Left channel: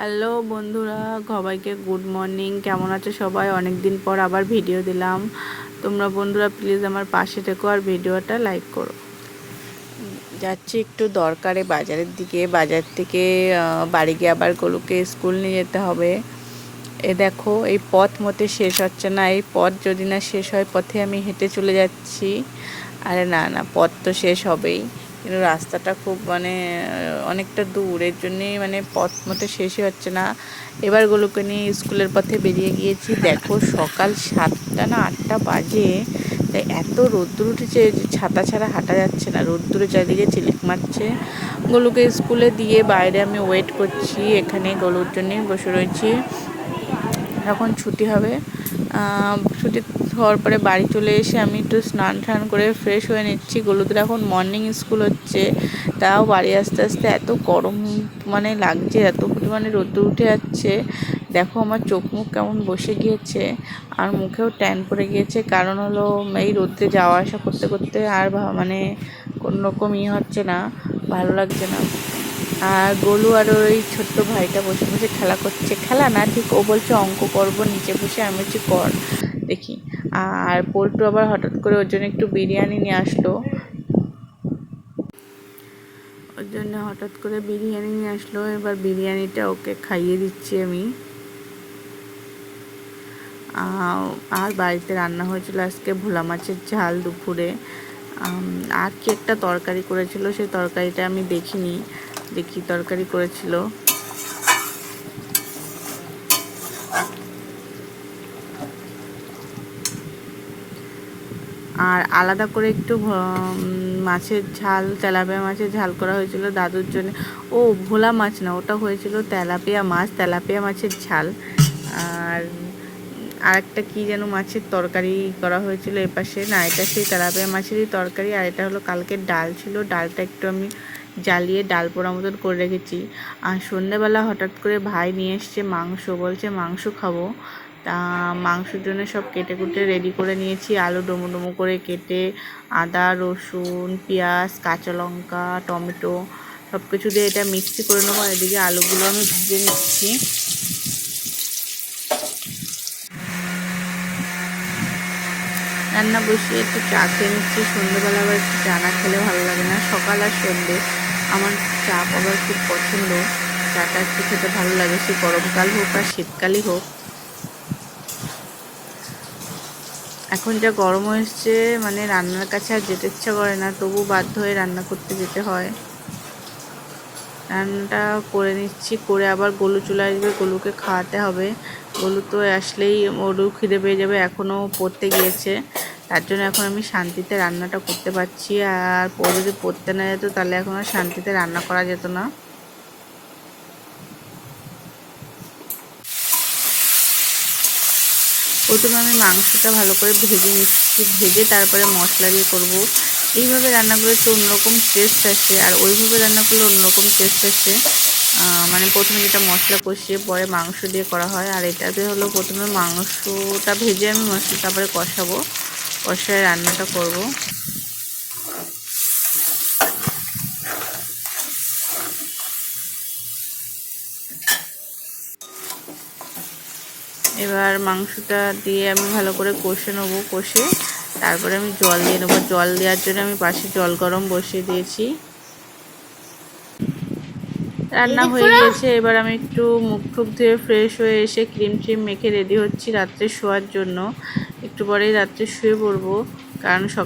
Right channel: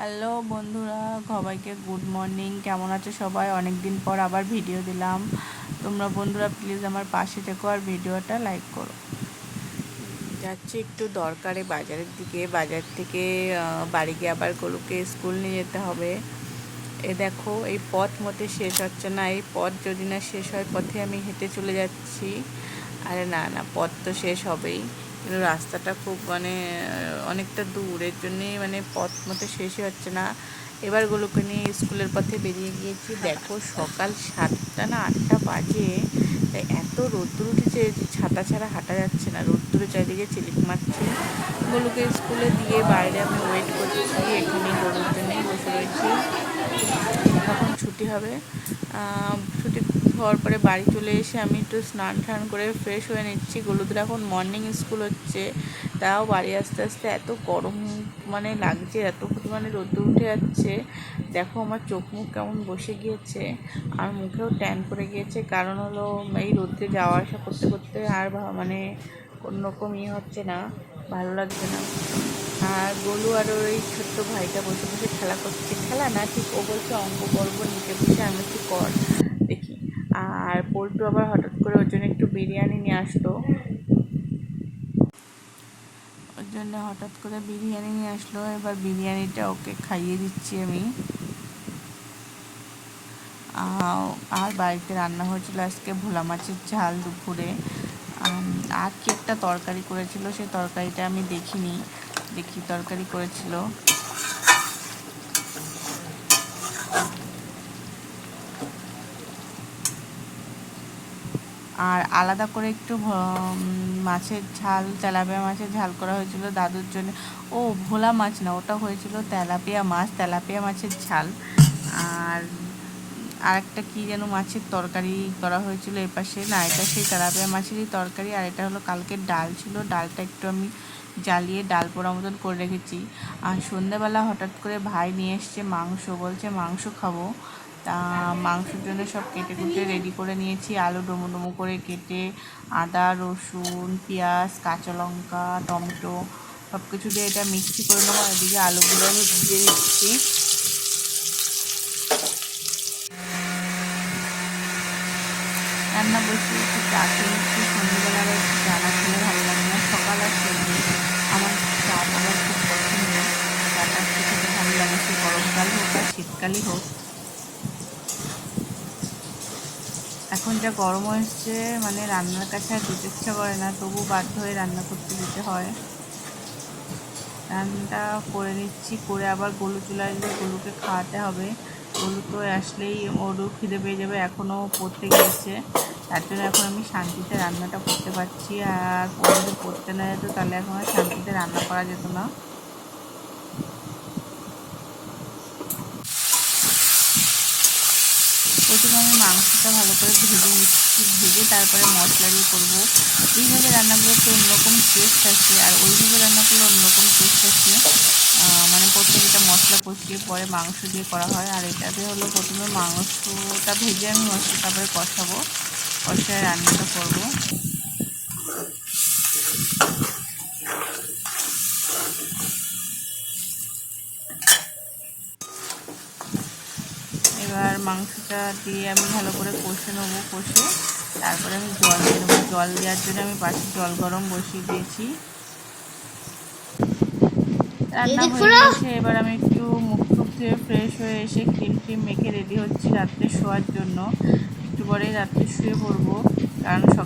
Hello বন্ধুরা, সবাইকে good morning. কেমন আছে সবাই? অনেক দিন পর আবার ভিডিও দিলাম। তোমরা বন্ধুরা প্লিজ আমার পাশে থেকো আর ভিডিওটা লাইক করো। যাচ্ছি একটু দরকারে বাজারের দিকে। বাজার থেকে বাড়ি গিয়ে আবার গলুকে স্কুল নিয়ে যেতে হবে। এ দেখো, এই পথ মতে শেষ হচ্ছে না। এই পথ যদি না শেষ হয়, পথে আমি হেঁটে চলে যাচ্ছি। আরে না না, পথ তো শেষ হবেই, কিন্তু রাস্তাটা খুব অনেকটা দূর। এর জন্যেই পথ মতো শেষই হচ্ছে না। এবার গুলোকে নিয়ে স্কুলের পথে বেরিয়ে গিয়েছি। দেখো, সকাল 7টা না 8টা বাজে, তাই এত রোদ্দুর উঠেছে যে ছাতা ছাড়া হাঁটা যাচ্ছে না। রোদ্দুরে চারিদিকে চিলিক মারছে। গলুকে স্কুলে দিয়ে বাইরে আমি ওয়েট করছি। এখানে গলুর জন্যেই বসে রয়েছি। যখন ছুটি হবে, ছুটি হওয়ার পরে বাড়ি চলে এসে আমি একটু স্নান টান করে ফ্রেশ হয়ে নিচ্ছি। গলুদের এখন মর্নিং স্কুল হচ্ছে, তাও বাড়ি আসতে আসতে এত গরম লাগছে, এত পরিমাণে রোদ্দুর উঠে যাচ্ছে। দেখো আমার চোখ মুখ কেমন বসে গিয়েছে, আর মুখেও ট্যান পড়ে গিয়েছে। কারণ হলো এই রোদ্রে যাওয়া আসা করতে করতে আর কোনো রকম হচ্ছে না, ভালো লাগছে না। আর গোলু আর ওই ছোট্ট ভাইটা বসে বসে খেলা করছে। খেলা না ঠিক, ও বলছে অঙ্ক করবো নিচে বসে। আমি বলছি কর দেখি। আর পল্টু আবার হঠাৎ করে ওর জন্য একটু বিরিয়ানি নিয়ে আসলো। ওর জন্য হঠাৎ করে বিরিয়ানি নিয়ে আসলো। এবার বিরিয়ানিটা ওকে খাইয়ে দিচ্ছি আমি। আর বাড়িতে রান্না হয়েছিল আজকে ভোলা মাছের ঝাল দুপুরে। আর কি একটা তরকারি করেছিল, সেই তরকারিটা আমি দেখিনি, দেখি তরকারি করেছিল। আর আলাদা করে একটু মাছের ঝাল, তেলাপিয়া মাছের ঝাল করা হয়েছিল দাদুর জন্য। ও ভোলা মাছ না, ওটা হয়েছিল তেলাপিয়া মাছ, তেলাপিয়া মাছের ঝাল। আর আরেকটা কী যেন মাছের তরকারি করা হয়েছিল এপাশে। না, এটা সেই তেলাপিয়া মাছেরই তরকারি। আর এটা হলো কালকের ডাল ছিল, ডালটা একটু আমি জ্বালিয়ে ডাল পোড়া মতন করে রেখেছি। আর সন্ধ্যেবেলা হঠাৎ করে ভাই নিয়ে এসছে মাংস, বলছে মাংস খাবো। তা মাংসের জন্য সব কেটে কুটে রেডি করে নিয়েছি। আলু ডুমো ডুমো করে কেটে, আদা রসুন পেঁয়াজ কাঁচা লঙ্কা টমেটো সব কিছু দিয়ে এটা মিক্সি করে নেবো। এদিকে আলুগুলো আমি ভেজে নিচ্ছি। রান্না বসিয়ে একটু চা খেয়ে নিচ্ছি। সন্ধ্যেবেলা আবার একটু চা না খেলে ভালো লাগে না। সকাল আর সন্ধ্যে আমার চা আবার খুব পছন্দ। চাটা একটু খেতে ভালো লাগে, সে গরমকাল হোক আর শীতকালই হোক। এখন যা গরম হয়েছে, রান্নার কাছে আর যেতে ইচ্ছা করে না, তবু বাধ্য হয়ে রান্না করতে যেতে হয়। রান্নাটা করে নিচ্ছি, করে আবার গলু চলে আসবে, গলুকে খাওয়াতে হবে। গলু তো আসলেই ওরও খিদে পেয়ে যাবে, এখনও পড়তে গিয়েছে। তার জন্য এখন আমি শান্তিতে রান্নাটা করতে পারছি। আর যদি পড়তে না যেত তাহলে এখন আর শান্তিতে রান্না করা যেত না। প্রথমে আমি মাংসটা ভালো করে ভেজে নিচ্ছি, ভেজে তারপরে মশলা দিয়ে করবো। এইভাবে রান্না করলে তো অন্যরকম টেস্ট আসে, আর ওইভাবে রান্না করলে অন্যরকম টেস্ট আসে। প্রথমে যেটা মশলা কষিয়ে পরে মাংস দিয়ে করা হয়, আর এটাতে হলো প্রথমে মাংসটা ভেজে আমি মশলা তারপরে কষাবো, কষায় রান্নাটা করব। এবার মাংসটা দিয়ে আমি ভালো করে কষে নেবো, কষে তারপরে আমি জল দিয়ে নেবো। জল দেওয়ার জন্য আমি পাশে জল গরম বসিয়ে দিয়েছি। রান্না হয়ে গিয়েছে। এবার আমি একটু মুখ টুক ধুয়ে ফ্রেশ হয়ে এসে ক্রিম ট্রিম মেখে রেডি হচ্ছি রাত্রে শোয়ার জন্য। একটু পরেই রাত্রে শুয়ে পড়বো, কারণ সকাল